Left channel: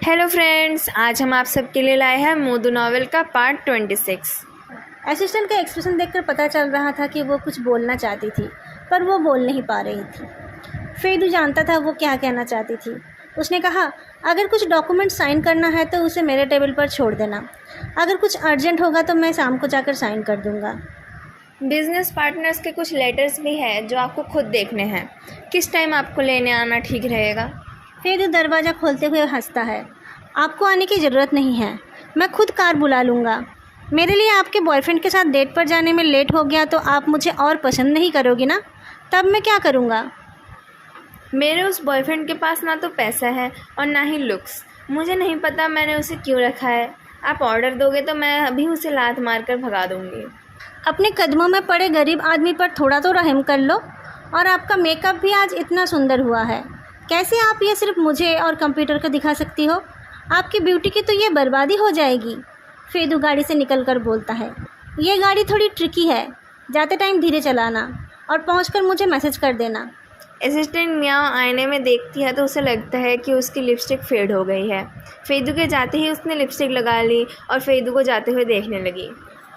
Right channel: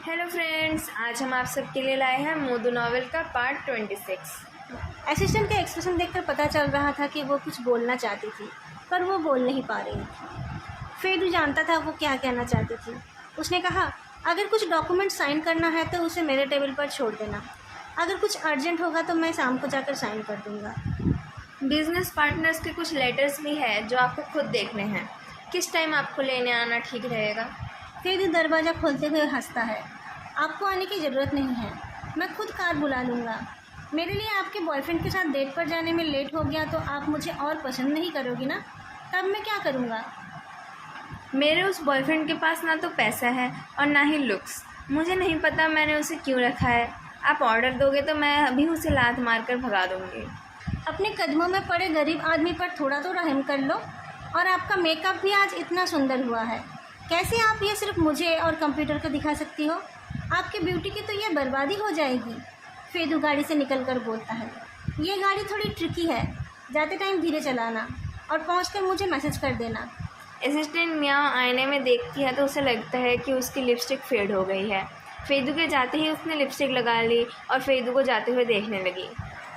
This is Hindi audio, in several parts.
हेलो फ्रेंड्स, आज हम आप सबके लिए लाए हैं मोदू नॉवेल का पार्ट 26। असिस्टेंट का एक्सप्रेशन देखकर पता चल रहा था कि वो कुछ बोलना चाहती थी, पर वो बोल नहीं पा रही थी। फेदू जानता था वो क्या कहना चाहती थी। उसने कहा, अगर कुछ डॉक्यूमेंट साइन करना है तो उसे मेरे टेबल पर छोड़ देना। अगर कुछ अर्जेंट होगा तो मैं शाम को जाकर साइन कर दूँगा। बिजनेस पार्टनर्स के कुछ लेटर्स भी हैं जो आपको खुद देखने हैं। किस टाइम आपको लेने आना ठीक रहेगा? फेदू दरवाज़ा खोलते हुए हंसता है। आपको आने की ज़रूरत नहीं है, मैं खुद कार बुला लूँगा। मेरे लिए आपके बॉयफ्रेंड के साथ डेट पर जाने में लेट हो गया तो आप मुझे और पसंद नहीं करोगी ना? तब मैं क्या करूँगा? मेरे उस बॉयफ्रेंड के पास ना तो पैसा है और ना ही लुक्स। मुझे नहीं पता मैंने उसे क्यों रखा है। आप ऑर्डर दोगे तो मैं अभी उसे लात मारकर भगा दूँगी। अपने कदमों में पड़े गरीब आदमी पर थोड़ा तो रहम कर लो। और आपका मेकअप भी आज इतना सुंदर हुआ है। कैसे आप ये सिर्फ मुझे और कंप्यूटर को दिखा सकती हो? आपकी ब्यूटी की तो ये बर्बादी हो जाएगी। फेदू गाड़ी से निकलकर बोलता है, ये गाड़ी थोड़ी ट्रिकी है। जाते टाइम धीरे चलाना और पहुंचकर मुझे मैसेज कर देना। असिस्टेंट मियाँ आईने में देखती है तो उसे लगता है कि उसकी लिपस्टिक फेड हो गई है। फेदू के जाते ही उसने लिपस्टिक लगा ली और फेदू को जाते हुए देखने लगी।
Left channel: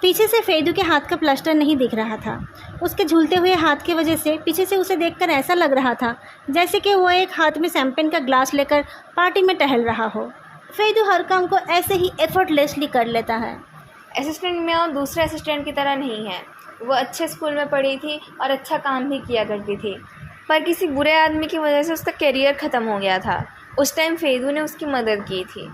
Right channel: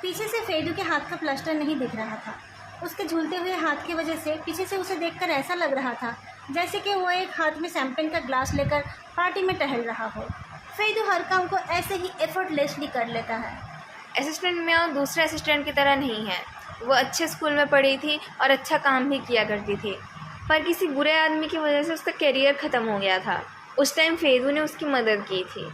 पीछे से फेदू के हाथ का प्लास्टर नहीं दिख रहा था। उसके झूलते हुए हाथ की वजह से पीछे से उसे देखकर ऐसा लग रहा था जैसे कि वो एक हाथ में शैंपेन का ग्लास लेकर पार्टी में टहल रहा हो। फेदू हर काम को ऐसे ही एफर्टलेसली कर लेता है। असिस्टेंट मियाँ दूसरे असिस्टेंट की तरह नहीं है। वो अच्छे स्कूल में पढ़ी थी और अच्छा काम भी किया करती थी, पर किसी बुरे आदमी की वजह से उसका करियर ख़त्म हो गया था। उस टाइम फेदू ने उसकी मदद की थी।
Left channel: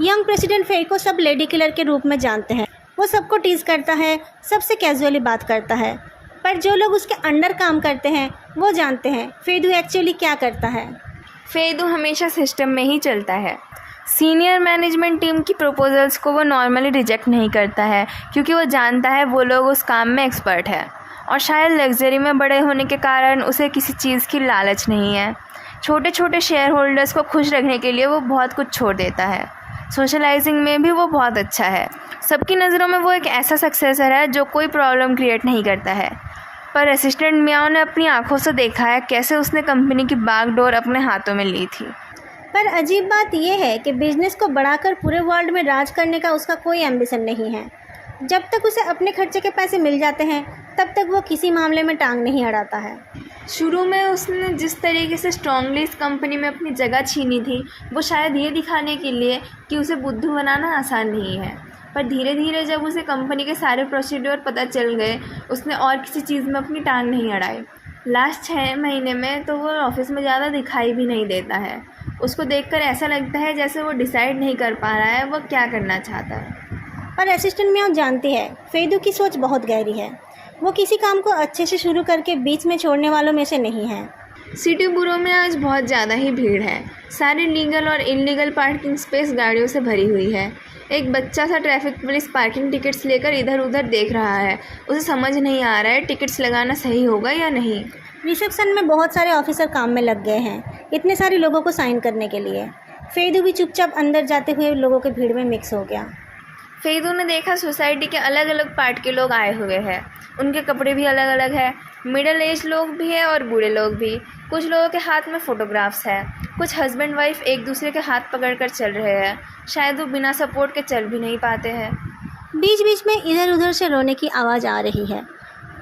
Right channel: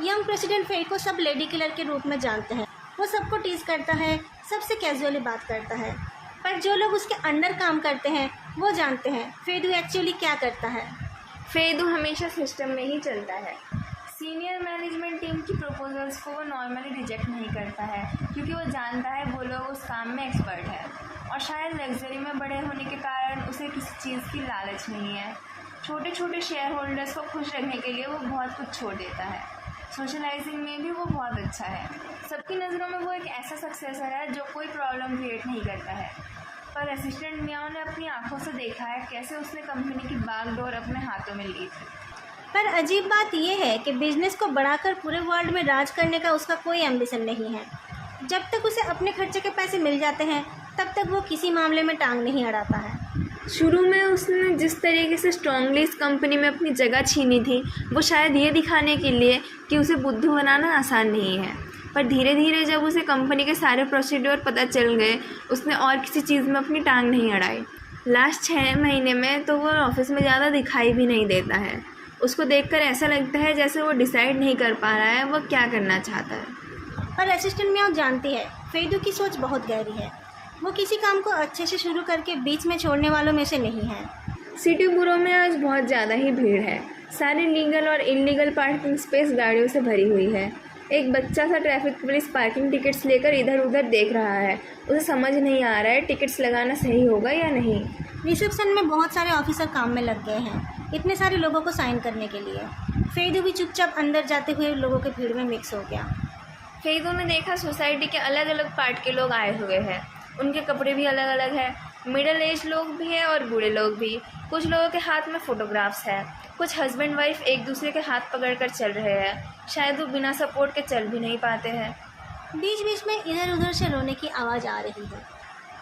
यंग प्रेसिडेंट फेड को सब लेडी किलर के रूप में जानते हैं। वो सबको टीज करता है, सबसे कैजुअली बात करता है, पर जो लोग उसके अंडर काम करते हैं वो जानते हैं फेदू एक्चुअली क्या करता है। फेदू हमेशा सिस्टम में ही चलता है। सीनियर मैनेजमेंट टीम की प्रपोजल्स को वो नॉर्मली रिजेक्ट नहीं करता है, क्योंकि वो जानता है वो लोग उस काम में एक्सपर्ट है। और शायद लग्जरी में बड़े होने के कारण उसे किसी चीज़ की लालच नहीं है। छोटे छोटे शेयर होल्डर्स को खुश रखने के लिए वो बहुत कुछ छोड़ देता है। सोशलाइजिंग में भी वो बहुत अच्छा है। सबकी नज़रों में वो एक ऐसा सक्सेसर है जो कोई प्रॉब्लम क्रिएट नहीं करता है। पर असिस्टेंट मियाँ ने अपनी आंखों से देखा है कैसे उसने कंपनी की बागडोर अपने हाथों में ली थी। पर अजीब बात यह है कि बिजनेस को बढ़ाकर पूरे वर्ल्ड में राज करने का उसका कोई एम्बिशन नहीं है। जब तक उसे अपने खर्चे के पैसे मिल जाते हैं तब तक वो किसी मामले में टांग नहीं अड़ाता है। शुरू में उसने जिस तरीके से स्ट्रांगली इस कंपनी में अपनी जगह छीनी थी, वो शायद ये दिखाने के लिए कि उसे बुद्धू बनाना आसान नहीं है। पर धीरे धीरे जब उसे कंपनी के सारे प्रोसीड्योर पता चल गए, उसने और किसी चीज़ में अपनी टांग नहीं अड़ाई। लास्ट 6 महीने में तो वो ऑफिस में ज़्यादा दिखाई भी नहीं देता है। उसको देखकर ऐसा लगता है जैसे वो डिसाइड नहीं कर पा रहा है वो क्या करना चाहता है। पर असिस्टेंट मियाँ जानती है फेदू की सोच बहुत गहरी है। वो किसी काम को अच्छे से शुरू करके बीच में छोड़ने वालों में से नहीं है। सिटी बुरो में आज बहुत ज़्यादा ही भीड़ है। सारी लीगल और इलीगल पार्किंग स्पेस गाड़ियों से भरी हुई है। एक बच्चा सा ट्रैफिक पुलिस पार्किंग टिकट्स लेकर इधर उधर देख रहा है। उसे समझ नहीं आ रहा है टिकट्स लगाना सही होगा या नहीं। रिसेप्शन में बहुत सारे ऑफिसर काम में लग गए हैं इतने सारे लोगों को साइन करने के लिए। फेदू भी चुपचाप अंदर जाते हुए लोगों के भीड़ में मिक्स हो गया। फेदू ने देखा सोसाइटी के अलग अलग पार्ट के लोग आए हुए हैं। उनके कपड़े भी अलग अलग है। मिडिल एज लोग भी है और बूढ़े लोग भी। कुछ लोगों के हाथ में फ़ोटोग्राफ्स है। कुछ हस्बैंड वाइफ एक दूसरे के हाथ पकड़कर चल रहे हैं। शायद वो बिना सपोर्ट के चल भी नहीं पाते हैं। बीच बीच में इधर उधर से रोने की आवाज़ आ रही है,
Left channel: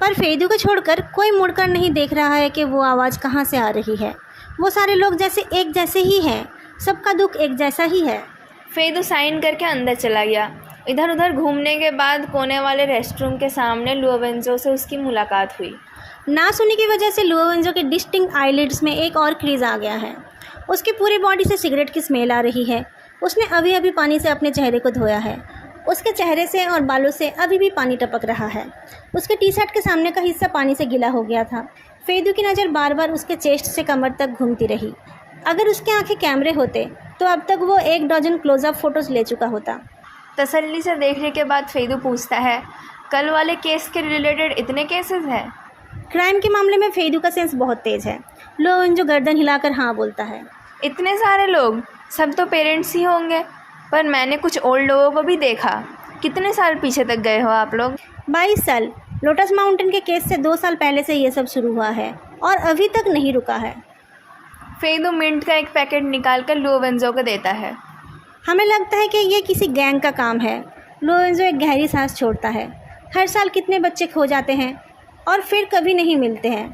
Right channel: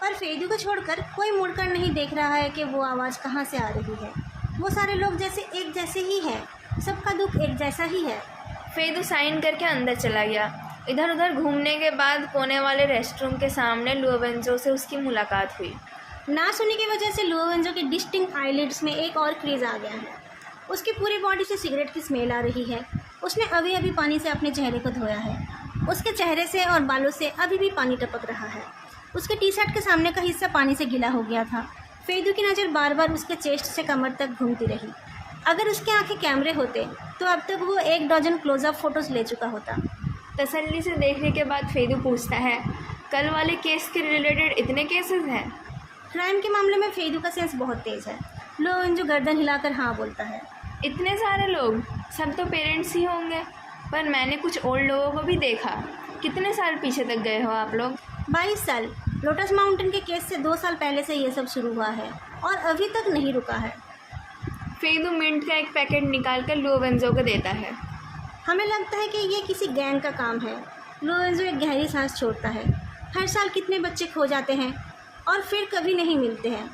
पर फेदू को छोड़कर कोई मुड़कर नहीं देख रहा है कि वो आवाज़ कहाँ से आ रही है। वो सारे लोग जैसे एक जैसे ही हैं, सबका दुख एक जैसा ही है। फेदू साइन करके अंदर चला गया। इधर उधर घूमने के बाद कोने वाले रेस्टरूम के सामने लुओवेंजो से उसकी मुलाकात हुई। नासुनी की वजह से लुओवेंजो के डिस्टिंक्ट आईलिड्स में एक और क्रीज आ गया है। उसकी पूरी बॉडी से सिगरेट की स्मेल आ रही है। उसने अभी अभी पानी से अपने चेहरे को धोया है। उसके चेहरे से और बालों से अभी भी पानी टपक रहा है। उसके टी शर्ट के सामने का हिस्सा पानी से गीला हो गया था। फेदू की नज़र बार बार उसके चेस्ट से कमर तक घूमती रही। अगर उसके आंखें कैमरे होते तो अब तक वो 1 डजन क्लोजअप फ़ोटोज़ ले चुका होता। तसल्ली से देखने के बाद फेदू पूछता है, कल वाले केस के रिलेटेड इतने केसेस हैं? क्राइम के मामले में फेदू का सेंस बहुत तेज़ है। लुओवेंजो गर्दन हिलाकर हाँ बोलता है। इतने सारे लोग, सब तो पेरेंट्स ही होंगे। पर मैंने कुछ ओल्ड लोगों को भी देखा। कितने साल पीछे तक गए हो आप लोग? 22 साल। लोटस माउंटेन के केस से 2 साल पहले से ये सब शुरू हुआ है और अभी तक नहीं रुका है। फेदू मिंट का एक पैकेट निकाल कर लुओवेंजो को देता है। हमें लगता है कि ये किसी गैंग का काम है। लोरेंजो एक गहरी सांस छोड़ता है। हर साल कितने बच्चे खो जाते हैं और फिर कभी नहीं मिलते हैं।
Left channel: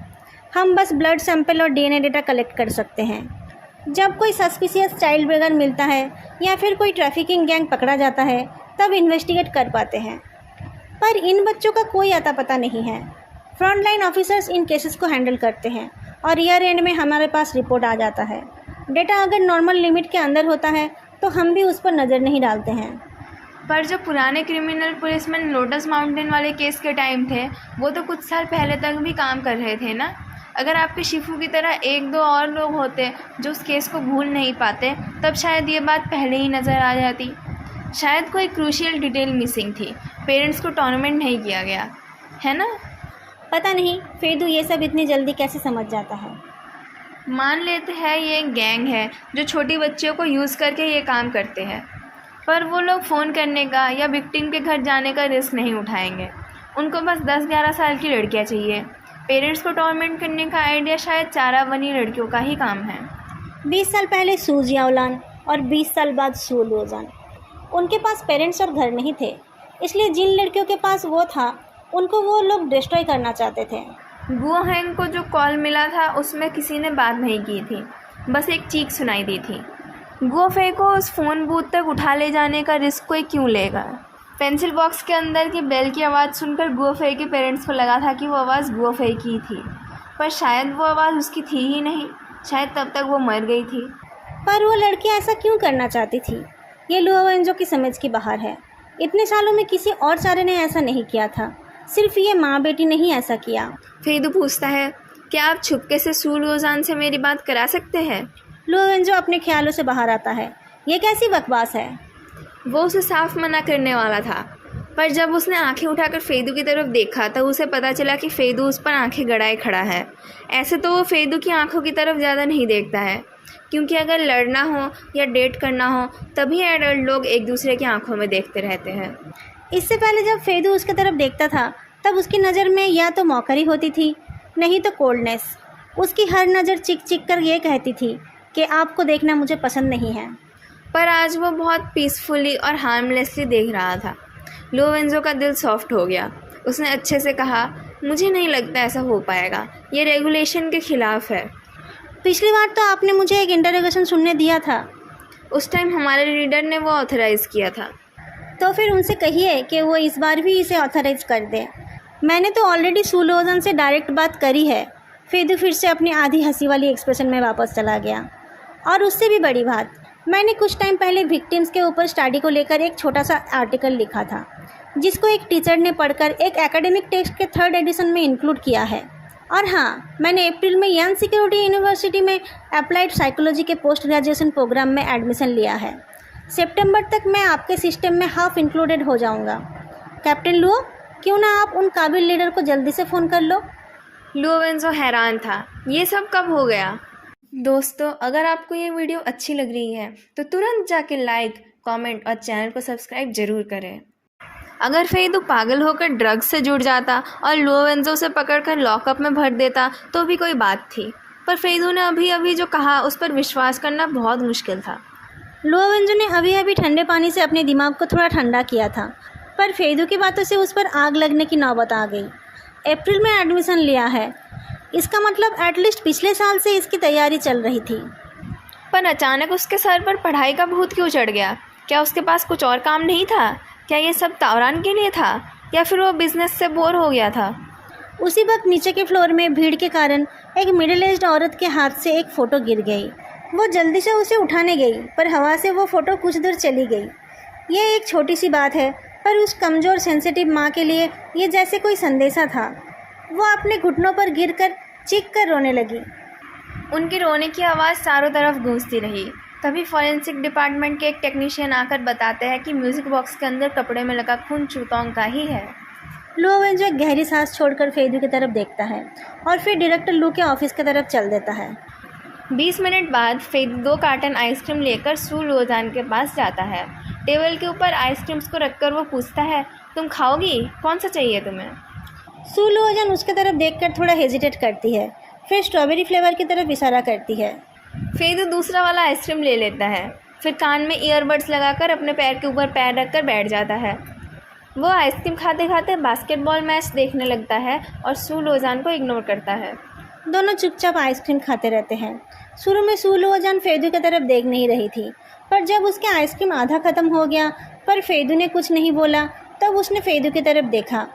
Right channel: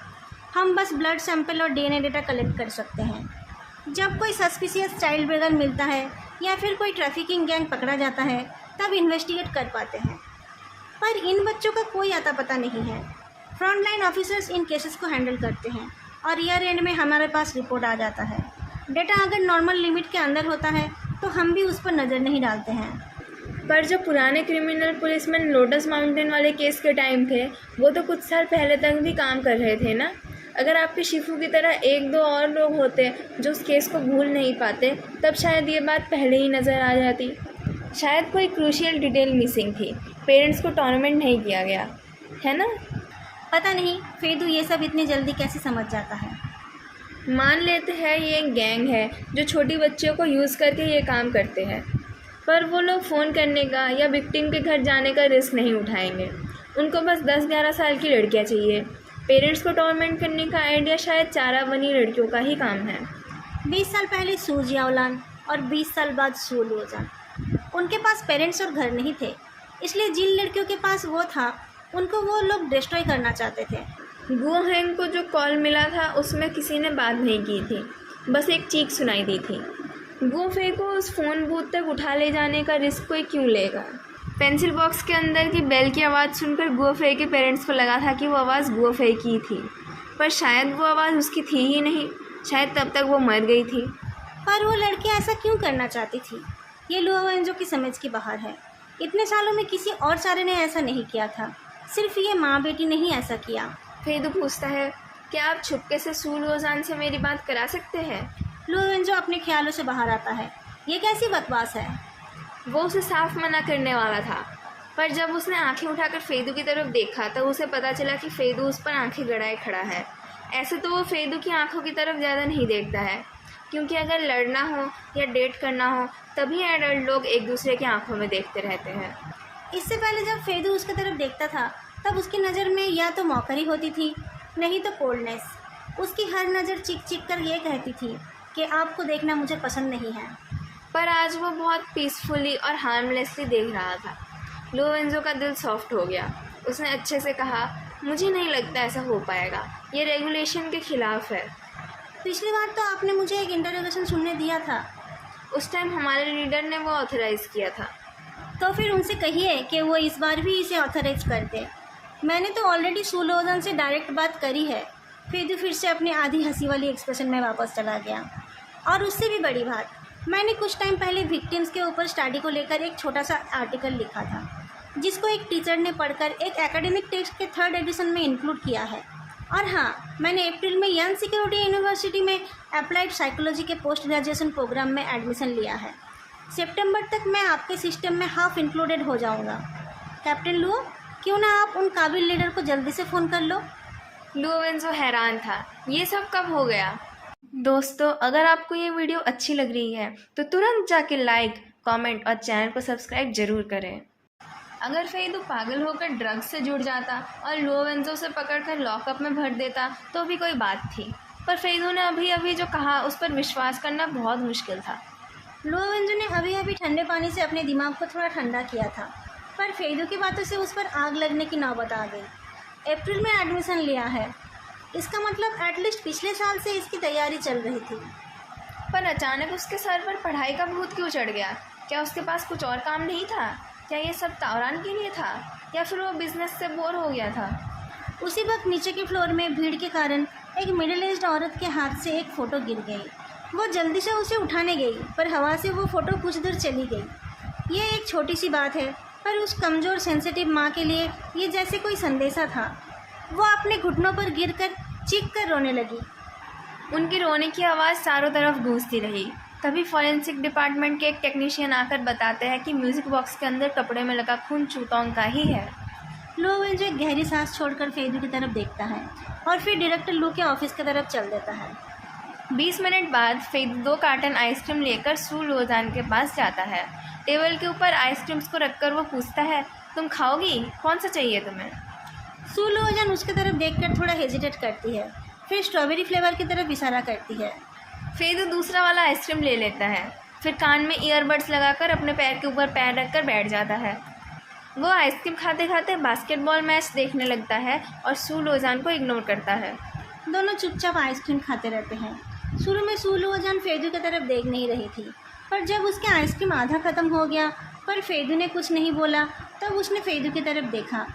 हम बस ब्लड सैंपल और डीएनए डेटा कलेक्ट कर सकते हैं। जब कोई सस्पिशियस चाइल्ड ब्रेगर मिलता है या फिर कोई ट्रैफिकिंग गैंग पकड़ा जाता है तब इन्वेस्टिगेट कर पाते हैं। पर इन बच्चों का कोई आता पता नहीं है। फ्रंटलाइन ऑफिसर्स इन केसेस को हैंडल करते हैं और ईयर एंड में हमारे पास रिपोर्ट आ जाता है। डेटा अगर नॉर्मल लिमिट के अंदर होता है तो हम भी उस पर नज़र नहीं डालते हैं। पर जो पुराने क्रिमिनल पुलिसमैन लोटस माउंटेन वाले केस के टाइम थे वो तो कुछ साल पहले तक भी काम कर रहे थे ना। अगर आपके शिफू की तरह एक दो और लोग होते जो उस केस को भूल नहीं पाते तब शायद ये बात पहले ही नज़र आ जाती। शायद कोई क्रूशियल डिटेल मिसिंग थी। पेरेंट्स को टॉर्नामेंट नहीं किया गया है ना। पता नहीं फेदू ये सब इतनी जल्दी कैसे समझ जाता है। मान लेते हैं ये एक गैंग है जो छोटी बच्चियों को यूज़ करके ये काम करते हैं, पर वो लोग फ़ोन करने का या विक्टिम के घर जाने का रिस्क नहीं उठाएंगे। उनको बस 10-11 साल की लड़कियां चाहिए। पेरेंट्स को टॉर्मेंट करने का आइडिया शायद चारा बनी लड़कियों का ही काम है। 20 साल पहले सू जियाओलान और 20 साल बाद सू लुओजान। उनके पास पेरेंट्स और घर नहीं थे, इसलिए जिन लड़कियों के पास वो था उनको वो लोग डिस्ट्रॉय करना चाहते थे। गुओ हैंग को जो कॉल मिला था उसमें किसी ने बात नहीं की थी, बस एक चीख सुनाई दी थी। गुओ फे को उस फ़ोन बूथ तक उठा ले जाने का रिस्क कोई क्यों लेगा। पेंसिल बॉक्स के अंदर की बेल की आवाज़ सुनकर गुओ फे के पेरेंट्स को लगा था कि वो आवाज़ गुओ फे की थी, पर शायद वो आवाज़ उसकी थी ही नहीं। शायद तब तक वो मर गई थी। पर वो लड़की ऐसा क्यों करना चाहती थी, ये लुओवेंजो की समझ की बाहर है। इतने सालों में किसी और सारे ने ऐसा नहीं किया था, सिर्फ ये माँ बेटी ने ही ऐसा किया। फेदू पूछता है, क्या आप छुपके से सू लुओजान से मेरी बात करा सकते हैं। लुओवेंजो अपने ख्यालों से बाहर आता है। ये कैसी बकवास है। वो उसे साफ मना करने वाला था, पर जब उसने आंखें उठाकर फेदू की तरफ देखा तो उसे पता चला कि फेदू उस पर आंखें गड़ाए खड़ा है। ऐसे तो वो फेदू की आंखों की तरफ ज़्यादा नहीं देखता है, क्योंकि अगर लड़ना हो या डेट करना हो तभी एडल्ट लोग एक दूसरे की आंखों में देखते रहते हैं। इससे पहले जब फेदू उसकी तरफ देखता था तब उसकी नज़र में या तो मौकरी होती थी, नहीं तो कोल्डनेस। उसकी हर नज़र चिक चिक कर ये कहती थी कि आपको देखना मुझे पसंद नहीं है। पर आज वो बहुत पीसफुली और हार्मलेसली देख रहा था। लुओवेंजो का दिल सॉफ्ट हो गया। उसने अच्छे से कहा, मुझे नहीं लगता ऐसा हो पाएगा, ये रेगुलेशन के ख़िलाफ़ है। पिछली बार तो आपने मुझे एक इंटरोगेशन सुनने दिया था। उस टाइम हमारे लीडर ने वो ऑथराइज़ किया था। तो फिर उनसे कहिए कि वो इस बार भी इसे ऑथराइज कर दे। मैंने तो ऑलरेडी सू लुओजान से डायरेक्ट बात करी है। फेदू फिर से अपनी आधी हंसी वाली एक्सप्रेशन में वापस चला गया। और उससे भी बड़ी बात, मैंने कुछ टाइम पहले विक्टिम्स के ऊपर स्टडी को लेकर एक छोटा सा आर्टिकल लिखा था, जिसको एक टीचर ने पढ़कर एक एकेडमिक टेक्स्ट के 3rd एडिशन में इंक्लूड किया है। और हाँ, मैंने अप्रैल में यंग सिक्योरिटी यूनिवर्सिटी में अप्लाइड साइकोलॉजी के पोस्ट ग्रेजुएशन प्रोग्राम में एडमिशन लिया है। सितंबर तक मैं आपके सिस्टम में हाफ इंक्लूडेड हो जाऊंगा। कैप्टन लुओ, क्यों ना आप उन काबिल लीडर को जल्दी से फ़ोन कर लो। लुओवेंजो हैरान था, ये सब कब हो गया। दोस्तों, अगर आपको ये वीडियो अच्छी लग रही है तो तुरंत जाके लाइक, कमेंट और चैनल को सब्सक्राइब ज़रूर करें। अगर फेदू पागल होकर ड्रग्स से जुड़ जाता और लुओवेंजो से पकड़कर लॉकअप में भर देता तो भी कोई बात थी, पर फेदू ने अभी अभी जो कहा उस पर विश्वास करना बहुत मुश्किल था। लुओवेंजो ने अभी अभी ठंडे पानी से अपने दिमाग को थोड़ा ठंडा किया था, पर फेदू की बातों से उस पर आग लगने की नौबत आ गई। अप्रैल में एडमिशन लिया है, इसका मतलब एटलीस्ट पिछले साल से इसकी तैयारी चल रही थी। पर अचानक उसके सर पर पढ़ाई का भूत क्यों चढ़ गया। क्या उसके पास कुछ और काम नहीं था? क्या ये सब तावरान के लिए था, या फिर वो बिजनेस से बोर हो गया था। उसी वक्त नीचे के फ्लोर में भीड़ के कारण एक मिडिल एज्ड औरत के हाथ से एक फ़ोटो गिर गई। वो जल्दी से उसे उठाने गई, पर हवा से वो फ़ोटो कुछ दूर चली गई। ये एक छोटी सी बात है, पर उस कमज़ोर सेंसिटिव माँ के लिए ये जैसे कोई संदेशा था। वो अपने घुटनों पर गिरकर चीख कर रोने लगी। उनकी रोने की आवाज़ चारों तरफ गूंजती रही। तभी फॉरेंसिक डिपार्टमेंट के एक टेक्नीशियन आकर बताते हैं कि म्यूज़िक बॉक्स के अंदर कपड़े में लगा खून चूतोंग का ही है। लुओवेंजो एक गहरी सांस छोड़कर फेदू की तरफ देखता है और फिर डायरेक्टर लू के ऑफिस की तरफ चल देता है। 20 मिनट बाद फेदू 2 कार्टन आइसक्रीम लेकर सू लुओजान के पास जाता है। टेबल के ऊपर आइसक्रीम्स को रखकर वो पूछता है, तुम खाओगी? कौन सा चाहिए तुम्हें? सू लुओजान उसकी तरफ देखकर थोड़ा हेजिटेट करती है, फिर स्ट्रॉबेरी फ्लेवर की तरफ इशारा करती है। फेदू दूसरा वाला आइसक्रीम ले लेता है। फिर कान में ईयरबड्स लगाकर अपने पैर के ऊपर पैर रखकर बैठ जाता है। वो आइसक्रीम खाते खाते बास्केटबॉल मैच देखने लगता है और सू लोजान को इग्नोर करता है। दोनों चुपचाप आइसक्रीम खाते रहते हैं। शुरू में सू लोजान फेदू की तरफ देख नहीं रही थी, पर जब उसके आइसक्रीम आधा ख़त्म हो गया पर फेदू ने कुछ नहीं बोला, तब उसने फेदू की तरफ देखा।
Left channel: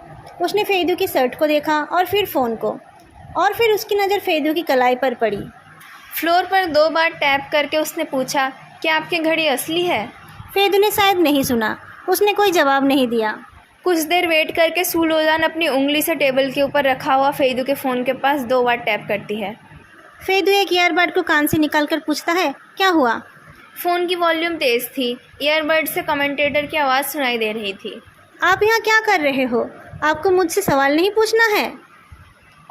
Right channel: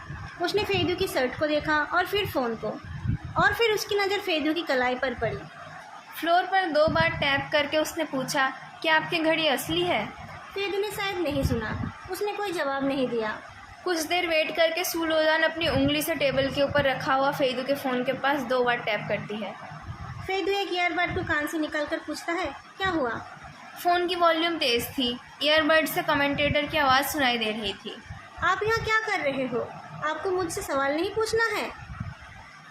उसने फेदू की शर्ट को देखा और फिर फ़ोन को, और फिर उसकी नज़र फेदू की कलाई पर पड़ी। फ्लोर पर 2 बार टैप करके उसने पूछा, क्या आपकी घड़ी असली है? फेदू ने शायद नहीं सुना, उसने कोई जवाब नहीं दिया। कुछ देर वेट करके सू लोजान अपनी उंगली से टेबल के ऊपर रखा हुआ फेदू के फ़ोन के पास 2 बार टैप करती है। फेदू एक ईयरबड को कान से निकाल कर पूछता है, क्या हुआ? फ़ोन की वॉल्यूम तेज़ थी। ईयरबड से कमेंटेटर की आवाज़ सुनाई दे रही थी। आप यहाँ क्या कर रहे हो? आपको मुझसे सवाल नहीं पूछना है।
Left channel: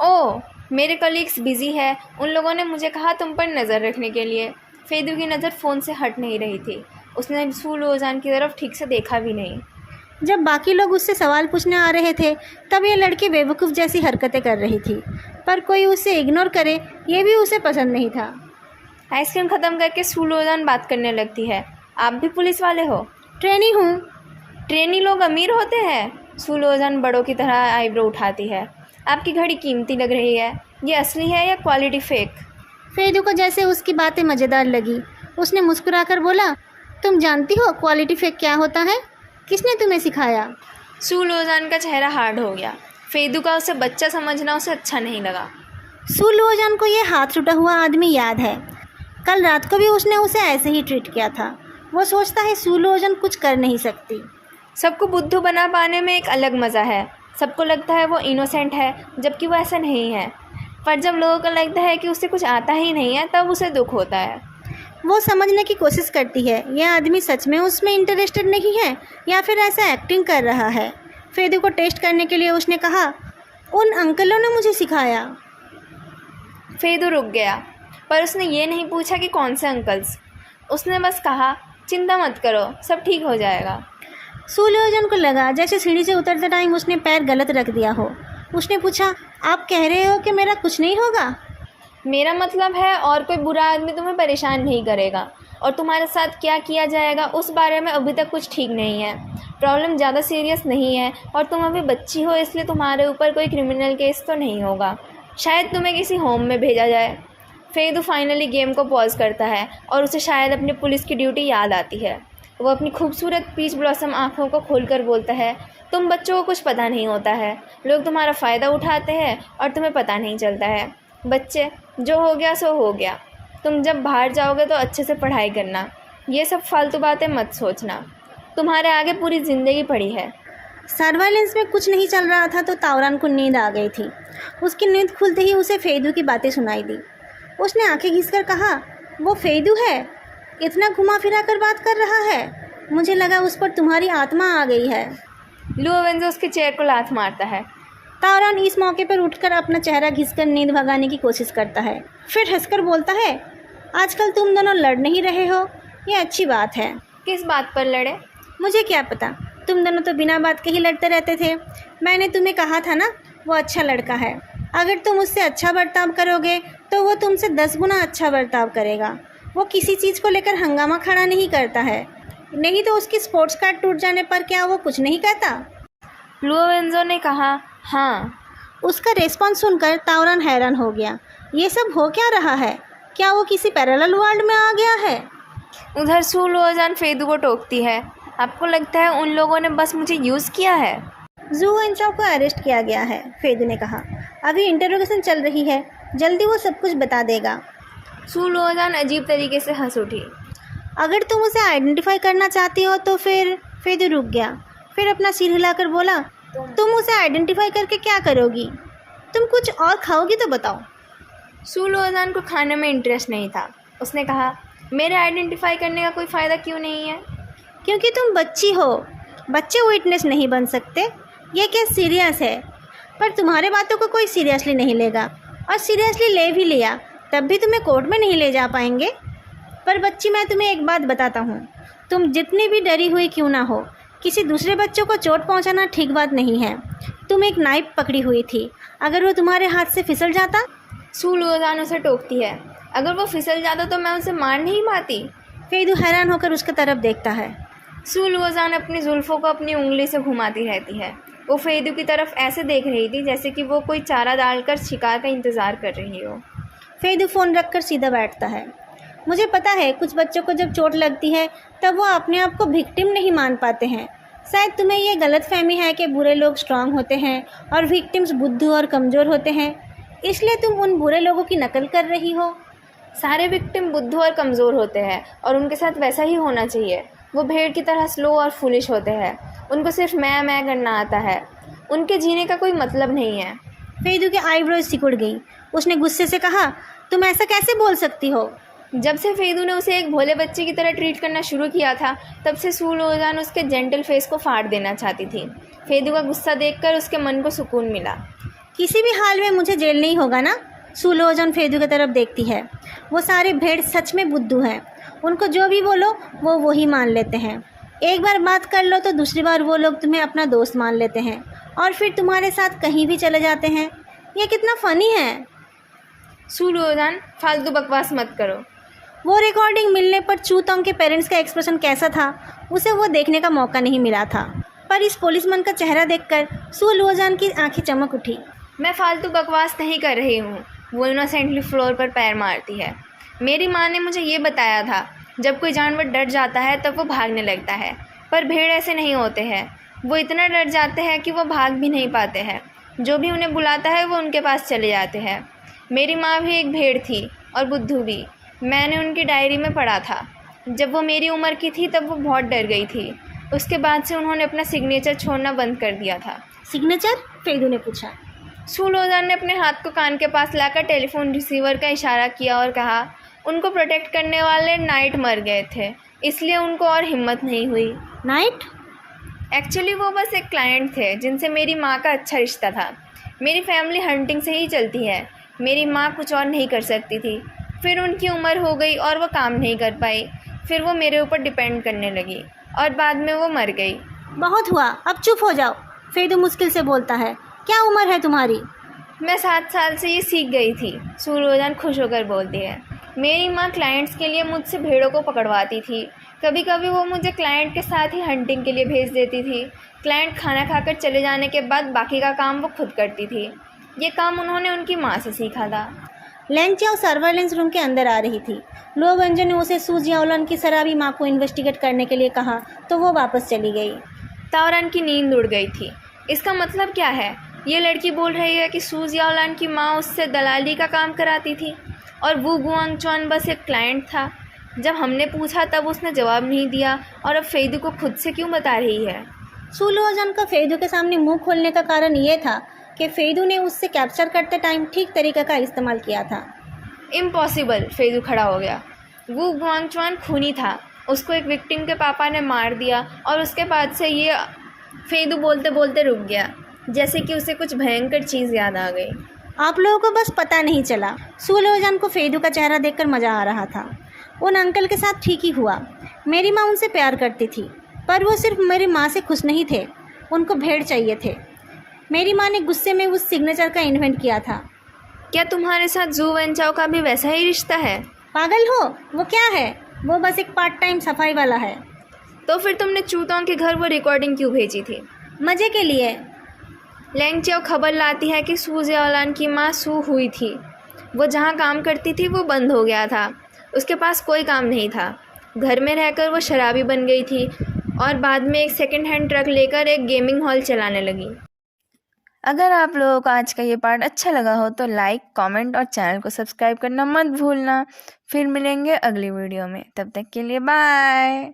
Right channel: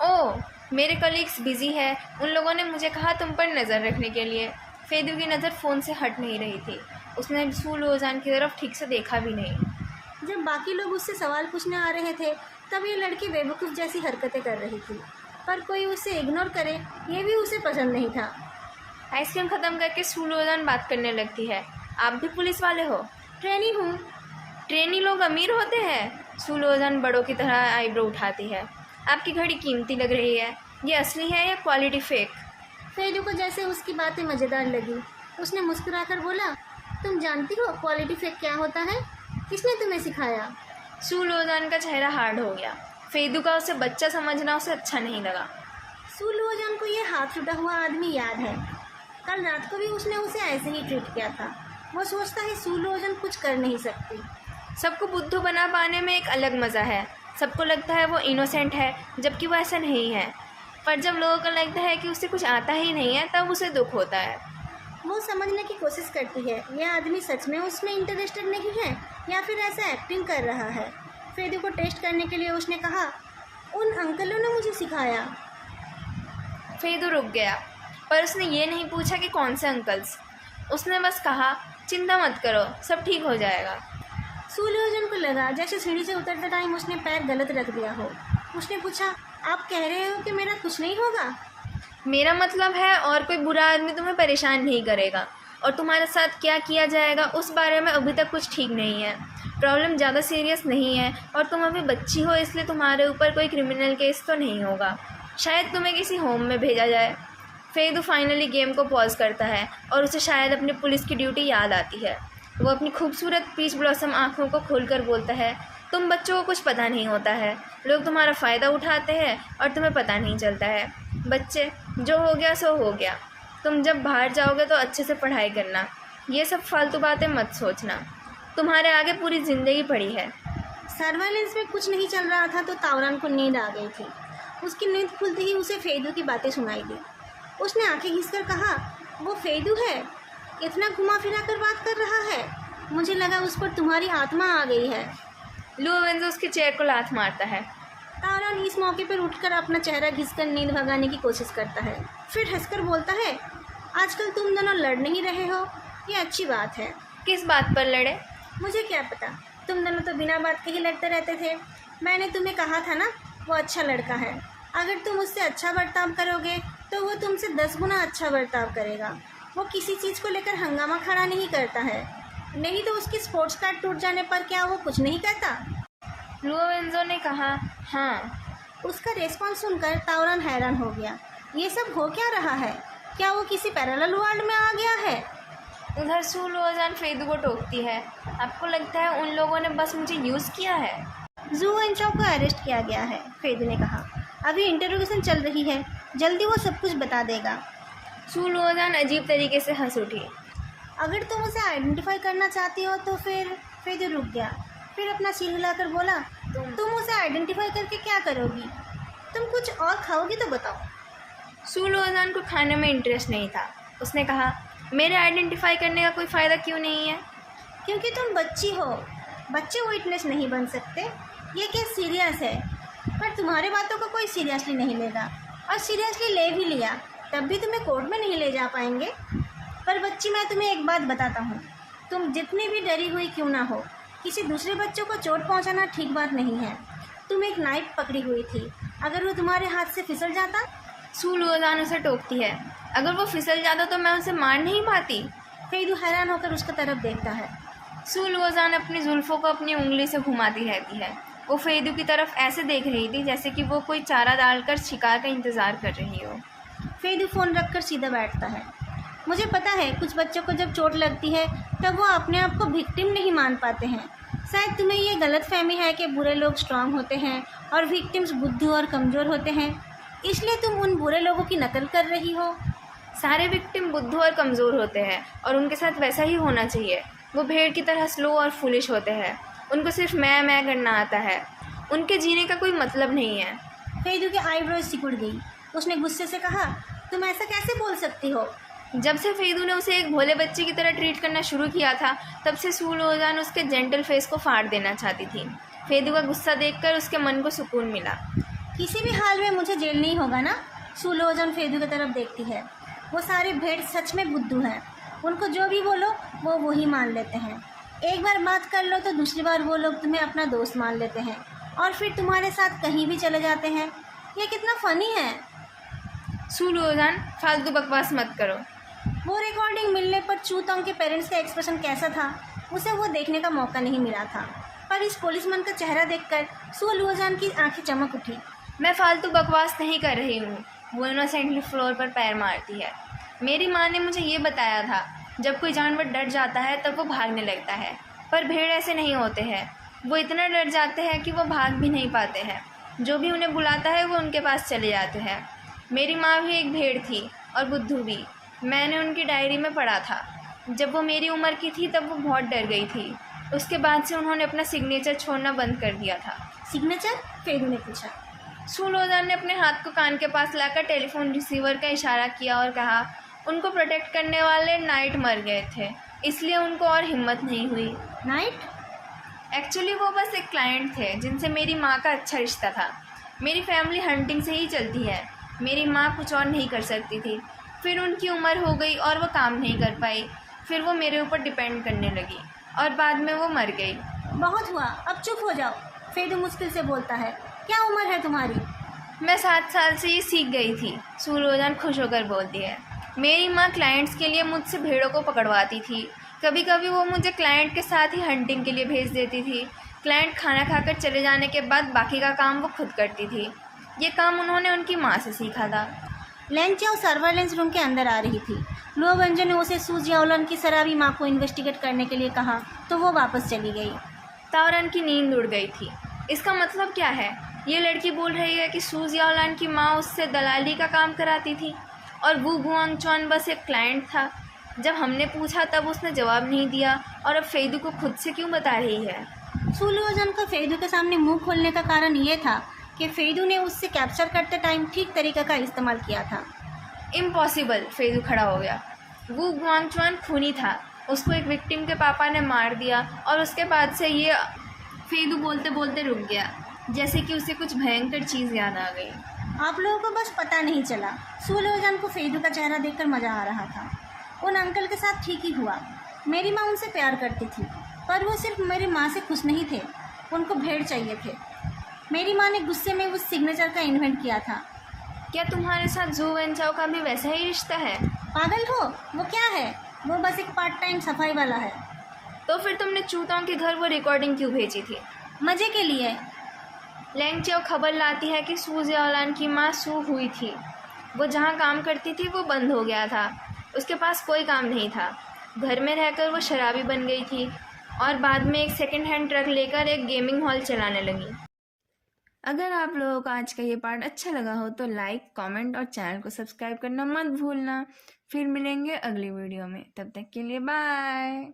ओह, मेरे कलीग्स बिज़ी है, उन लोगों ने मुझे कहा तुम पर नज़र रखने के लिए। फेदू की नज़र फ़ोन से हट नहीं रही थी। उसने सू लोजान की तरफ ठीक से देखा भी नहीं। जब बाकी लोग उससे सवाल पूछने आ रहे थे, तब ये लड़की बेवकूफ़ जैसी हरकतें कर रही थी, पर कोई उसे इग्नोर करे ये भी उसे पसंद नहीं था। आइसक्रीम ख़त्म करके सू लोजान बात करने लगती है। आप भी पुलिस वाले हो? ट्रेनी हूँ। ट्रेनी लोग अमीर होते हैं? सू लोजान बड़ों की तरह आईब्रो उठाती है। आपकी घड़ी कीमती लग रही है। ये असली है या क्वालिटी फेक? फेदू को जैसे उसकी बातें मज़ेदार लगी। उसने मुस्कुराकर बोला, तुम जानती हो क्वालिटी फेक क्या होता है? किसने तुम्हें सिखाया? सू लोजान का चेहरा हार्ड हो गया। फेदू का उसे बच्चा समझना उसे अच्छा नहीं लगा। सू लोजान को ये हाथ टूटा हुआ आदमी याद है। कल रात को भी उसने उसे ऐसे ही ट्रीट किया था। वो सोचता है सू लोजान कुछ कर नहीं सकती। सबको बुद्धू बना पाने में एक अलग मज़ा है। सबको लगता है वो इनोसेंट है, जबकि वो ऐसा नहीं है। पर जब लोगों को लगता है कि उसे कुछ आता ही नहीं है, तब उसे दुख होता है। वो समझने की कोशिश करती है यह आदमी सच में उसमें इंटरेस्टेड नहीं है या फिर ऐसा एक्टिंग कर रहा है। फेदू को टेस्ट करने के लिए उसने कहा, उन अंकलों ने मुझे सिखाया। फेदू रुक गया, पर उसने ये नहीं पूछा कि कौन से अंकल्स। उसने बस कहा, चिंता मत करो, सब ठीक हो जाएगा। सू लोजान को लगा जैसे सीढ़ी से उतरते टाइम उसने पैर गलत रख दिया हो। उसने पूछा, आप कह रहे हो कि मेरा कुछ नहीं होगा? मेरा मतलब है और कोई बुरा आदमी तुम्हें परेशान नहीं करेगा, और तुम्हारे साथ क्या किया जाएगा उस बारे में अभी तक कुछ ठीक नहीं है। प्रॉब्लम ज़्यादा सीरियस नहीं है और तुम अभी बच्ची हो, इसलिए तुम्हारे ऊपर कोई क्रिमिनल केस तो नहीं होगा। शायद तुम्हें किसी होम में भेजा जाए। फेदू फाइनली गेम को पॉज करता है और उसे शायद अपनी पुलिस की ड्यूटी याद आती है। वो अपनी खूबसूरत पीच ब्लॉसम आँखों को खोलकर बोलता है, तुम बच्चों को कुछ पता नहीं होता है। लोग तुम्हारा फ़ायदा उठाते हैं और तुम्हें पता नहीं चलता है। बच्चे, जो हो गया सो हो गया। तुम जब बाहर जाओगे तो अच्छे से पढ़ाई करना। ये सब फालतू बातें मत सोचना। तुम्हारे आगे पूरी ज़िंदगी पड़ी है। सर्वाइलेंस में कुछ नहीं चल रहा था तो तावरान को नींद आ गई थी। उसकी नींद खुलते ही उसे फेदू की बातें सुनाई दी। उसने आंखें घिसकर कहा, वो फेदू है? इतना घुमा फिरा कर बात कर रहा है। मुझे लगा उस पर तुम्हारी आत्मा आ गई है। लुओवेंजो उसके चेहरे को लात मारता है। तावरान इस मौके पर उठकर अपना चेहरा घिसकर नींद भगाने की कोशिश करता है। फिर हंसकर बोलता है, आजकल तुम दोनों लड़ नहीं रहे हो, ये अच्छी बात है। किस बात पर लड़े? मुझे क्या पता, तुम दोनों तो बिना बात के ही लड़ते रहते थे। मैंने तुम्हें कहा था ना, वो अच्छा लड़का है। अगर तुम उससे अच्छा बर्ताव करोगे तो वो तुमसे 10 गुना अच्छा बर्ताव करेगा। वो किसी चीज़ को लेकर हंगामा खड़ा नहीं करता है। नहीं तो उसकी स्पोर्ट्स कार्ड टूट जाने पर क्या वो कुछ नहीं कहता? लुओवेंजो ने कहा, हाँ। उसका रेस्पॉन्स सुनकर तावरान हैरान हो गया। ये सब हो क्या रहा है? क्या वो किसी पैरेलल वर्ल्ड में आ गया है? उधर सू लोजान फेदू को टोकती है, आपको लगता है उन लोगों ने बस मुझे यूज़ किया है? जू एंचो को अरेस्ट किया गया है, फेदू ने कहा। अभी इंटरोगेशन चल रही है, जल्दी वो सब कुछ बता देगा। सू लोजान अजीब तरीके से हंस उठी। अगर तुम उसे आइडेंटिफाई करना चाहती हो तो फिर। फेदू रुक गया, फिर अपना सिर हिलाकर बोला, तुम उसे आइडेंटिफाई करके क्या करोगी? तुम कुछ और खाओगी तो बताओ। सू लोजान को खाने में इंटरेस्ट नहीं था। उसने कहा, मेरे आइडेंटिफाई करने का कोई फ़ायदा क्यों नहीं है? क्योंकि तुम बच्ची हो। बच्चे विटनेस नहीं बन सकते। ये केस सीरियस है, पर तुम्हारे बातों को कोई सीरियसली नहीं लेगा, और सीरियसली ले भी लिया तब भी तुम्हें कोर्ट में नहीं ले जा पाएंगे। पर बच्ची, मैं तुम्हें एक बात बताता हूँ, तुम जितनी भी डरी हुई क्यों ना हो, किसी दूसरे बच्चों को चोट पहुँचाना ठीक बात नहीं है। तुम एक नाइफ पकड़ी हुई थी, अगर वो तुम्हारे हाथ से फिसल जाता? सू लोजान उसे टोकती है, अगर वो फिसल जाता तो मैं उसे मार नहीं पाती। फेदू हैरान होकर उसकी तरफ देखता है। सू लुओजान अपनी जुल्फ़ों को अपनी उंगली से घुमाती रहती है। वो फेदू की तरफ ऐसे देख रही थी जैसे कि वो कोई चारा डालकर शिकार का इंतज़ार कर रही हो। फेदू फ़ोन रखकर सीधा बैठता है। मुझे पता है कुछ बच्चों को जब चोट लगती है तब वो अपने आप को विक्टिम नहीं मान पाते हैं। शायद तुम्हें ये गलतफहमी है कि बुरे लोग स्ट्रांग होते हैं और विक्टिम्स बुद्धू और कमज़ोर होते हैं, इसलिए तुम उन बुरे लोगों की नकल कर रही हो। सारे विक्टिम बुद्धू और कमज़ोर होते हैं और उनके साथ वैसा ही होना चाहिए। वो भेड़ की तरह स्लो और फुलिश होते हैं। उनको सिर्फ मैं करना आता है। उनके जीने का कोई मतलब नहीं है। फेदू के आईब्रोज सिकुड़ गई। उसने गुस्से से कहा, तुम ऐसा कैसे बोल सकती हो? जब से फेदू ने उसे एक भोले बच्चे की तरह ट्रीट करना शुरू किया था तब से सू लुओजान उसके जेंटल फेस को फाड़ देना चाहती थी। फेदू का गुस्सा देखकर उसके मन को सुकून मिला। किसी भी हाल में मुझे जेल नहीं होगा ना? सू लुओजान फेदू की तरफ देखती है। वो सारे भेड़ सच में बुद्धू हैं। उनको जो भी बोलो वो वही मान लेते हैं। एक बार बात कर लो तो दूसरी बार वो लोग तुम्हें अपना दोस्त मान लेते हैं और फिर तुम्हारे साथ कहीं भी चले जाते हैं। ये कितना फ़नी है। सू लुओजान, फालतू बकवास मत करो। वो रिकॉर्डिंग मिलने पर चूतोंग के पेरेंट्स का एक्सप्रेशन कैसा था उसे वो देखने का मौका नहीं मिला था, पर इस पुलिसमैन का चेहरा देखकर सू लुओजान की आंखें चमक उठी। मैं फालतू बकवास नहीं कर रही हूँ। वो इनोसेंटली फ्लोर पर पैर मारती है। मेरी माँ ने मुझे ये बताया था, जब कोई जानवर डर जाता है तब वो भागने लगता है, पर भेड़ ऐसे नहीं होते हैं। वो इतना डर जाते हैं कि वो भाग भी नहीं पाते हैं। जो भी उन्हें बुलाता है वो उनके पास चले जाते हैं। मेरी माँ भी एक भेड़ थी और बुद्धू भी। मैंने उनकी डायरी में पढ़ा था। जब वो मेरी उम्र की थी तब वो बहुत डर गई थी। उसके बाद से उन्होंने अपना सिग्नेचर छोड़ना बंद कर दिया था। सिग्नेचर? फेदू ने पूछा। सू लुओजान ने अपने हाथ को कान के पास लाकर टेलीफोन रिसीवर का इशारा किया और कहा, उनको प्रोटेक्ट करने वाले नाइट मर गए थे, इसलिए उनको और हिम्मत नहीं हुई। नाइट? एक्चुअली वो बस एक क्लाइंट थे जिनसे मेरी माँ का अच्छा रिश्ता था। मेरी फैमिली हंटिंग से ही चलती है। मेरी माँ कुछ और नहीं कर सकती थी। फिर उनकी उम्र हो गई और वो काम नहीं कर पाई। फिर वो मेरे ऊपर डिपेंड करने लगी और बाद में वो मर गई। बहुत हुआ, अब चुप हो जाओ। फेदू मुश्किल से बोलता है। क्या उम्र है तुम्हारी? मैं 7 साल से ये सीख गई थी। सू लुओजान खुश होकर बोलती है। मेरी माँ क्लाइंट्स के लिए मुझसे भेड़ों को पकड़वाती थी। कभी कभी वो मुझे क्लाइंट के साथ ही हंटिंग के लिए भेज देती थी। क्लाइंट खाना खाकर चले जाने के बाद बाकी का काम वो खुद करती थी। ये काम उन्होंने उनकी माँ से सीखा था। लेंगचाओ सर्वेलेंस रूम के अंदर आ रही थी। लुओवेंजो ने उसे सू जियाओलन की शराबी माँ को इन्वेस्टिगेट करने के लिए कहा तो वो वापस चली गई। ताओरन की नींद उड़ गई थी। इसका मतलब क्या है? ये लड़की बोल रही है कि सू जियाओलन की माँ उससे दलाली का काम कराती थी और वू गुआंगचुआन बस एक क्लाइंट था। जब हमने पूछा तब उसने जवाब नहीं दिया और अब फेदू को खुद से क्यों बता रही है? सू लुओजान का फेदू के सामने मुंह खोलने का कारण ये था कि फेदू ने उससे कैप्चर करते टाइम ठीक तरीके का इस्तेमाल किया था। इम्पॉसिबल। फेदू खड़ा हो गया। वू गुआंगचुआन खूनी था। उसको एक विक्टिम के पापा ने मार दिया और उसके बाद से ये फेदू बोलते बोलते रुक गया, जैसे कि उसे कुछ भयंकर चीज़ याद आ गई। आप लोगों को बस पता नहीं चला। सू लुओजान को फेदू का चेहरा देखकर मज़ा आ रहा था। उन अंकल के साथ ठीक ही हुआ। मेरी माँ उनसे प्यार करती थी, पर वो सिर्फ मेरी माँ से खुश नहीं थे। उनको भेड़ चाहिए थे। मेरी माँ ने गुस्से में उस सिग्नेचर का इन्वेंट किया था। क्या तुम्हारे साथ जू वेंचाओ का भी वैसा ही रिश्ता है? पागल हो? वो क्या है? वो बस एक पार्ट टाइम सफाई वाला है। तो फिर तुमने चूतों के घर वो रिकॉर्डिंग क्यों भेजी थी? मज़े के लिए। लेंगचाओ खबर लाती है कि सू जियाओलन की माँ सू हुई थी। वो जहाँ काम करती थी वो बंद हो गया था। उसके पास कोई काम नहीं था। घर में रहकर वो शराबी बन गई थी और बाद में एक सेकंड हैंड ट्रक लेकर एक गेमिंग हॉल चलाने लगी। अगर आप लोगों को आज का ये पार्ट अच्छा लगा हो तो लाइक, कमेंट और चैनल को सब्सक्राइब करना मत भूलना। फिर मिलेंगे अगली वीडियो में। तब तक के लिए बाय।